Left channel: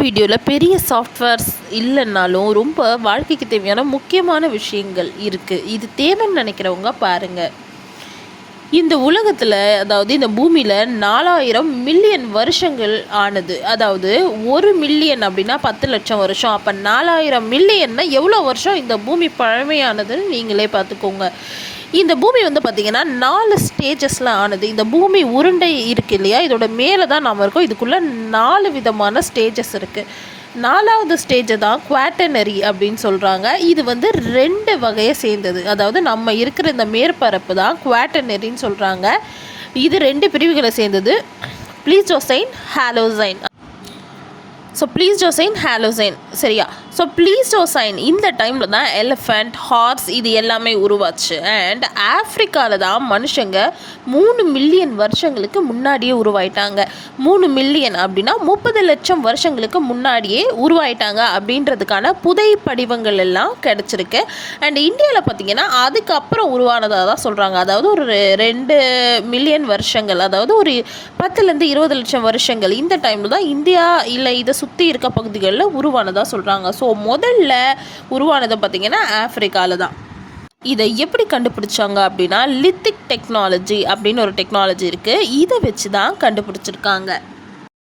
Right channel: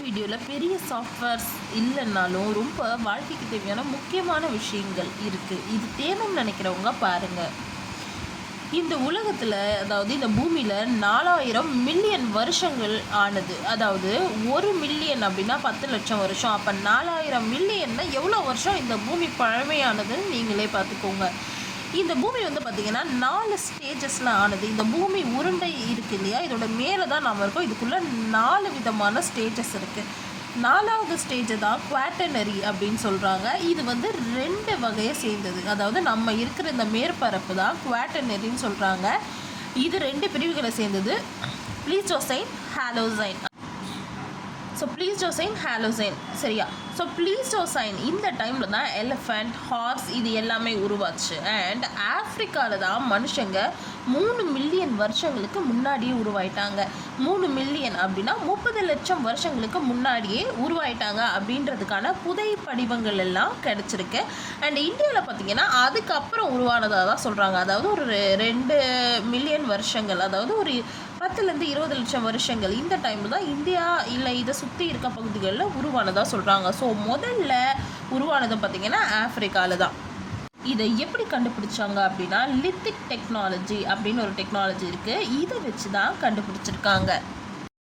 வீடியோவில் பெரிய சாஃப்ட்வேர்ஸ் இல்லைன்னாலும் ரொம்ப வாழ்க்கைக்கு தேவையான முக்கியமான விஷயங்கள் இருக்குது இது தேவைன்னு நினைக்கிறவங்க பாருங்கள் இந்த உலகத்தில் அதாவது இந்த பூமியில் நாலாயிரம் மில்லியன் வருஷங்கள் ஆனது. அதாவது ஒரு மில்லியன் அப்படின்னா பத்து லட்சம் வருஷம். அப்போ நாலாயிரம் மில்லியன்னா எவ்வளோ வருஷம் இந்த பூமி பழமையானதுன்னு நீங்களே பார்த்துக்கோங்க. இந்த பூமி வந்து பார்த்திங்கன்னா நாலு ஸ்டேஜஸில் ஆனது. இந்த பூமி உருண்டை இருக்குது இல்லையா? இதோட மேலே தான் நாம் இருக்கோம். இதுக்குள்ளே நாலு விதமான ஸ்டேஜஸ் இருக்குது நாலாவது ஸ்டேஜை தான் குவாட்டனரி அப்படின்னு சொல்கிறாங்க இது வந்து ரெண்டு வகையை சேர்ந்தது. அதாவது நம்ம இருக்கிற இந்த மேற்பரப்பு தான் குவாட்டனரின்னு சொல்கிறாங்க இது ரெண்டு பிரிவுகளை சேர்ந்தது. ப்ளீஸ்டோசைன் ஹாலோசைன் ஸோ ப்ளீஸ் ஜோசைன் ஹாலோசைன் சரியா? ஸோ ப்ளீஸ்டோசைன் இந்த டைமில் தான் எலிஃபண்ட் ஹார்ஸ் இது எல்லாமே உருவாச்சு. அண்ட் ஆஃப்ரிக்காவில் தான் மனுஷங்க மூணு மில்லியன் வருஷங்களுக்கு முன்னாடியே உருவாயிட்டாங்க. மூணு மில்லியன் அப்படின்னா முப்பது லட்சம் வருஷங்களுக்கு முன்னாடியே உருவாயிட்டாங்க அப்படின்றதுக்கான புதை படிவங்கள் எல்லாம் கிடச்சிருக்கு. அண்ட் இந்தியாவில் பார்த்தீங்கன்னா அதுக்கப்புறம் உருவானதாக தான் சொல்கிறாங்க அதாவது ஒரு ரெண்டு மில்லியன் வருஷங்கள் அதாவது ஒரு பத்துலேருந்து இருபது லட்சம் வருஷங்கள் இந்த டைமில் தான் இந்தியா இல்லை இதை சுற்றி இருக்க பகுதிகளில் உருவானதாக சொல்கிறாங்க ஸோ முதல்ல உருவானதை பார்த்திங்கன்னா ஆஃப்ரிக்காவில் தான். இதை எப்படி கண்டுபிடிச்சாங்க அப்படின்னா லித்திக் டெக்னாலஜி அப்படின்னு ஒரு டெக்னாலஜி இருக்குது இதை வச்சு தான் கண்டுபிடிச்சிருக்காங்க.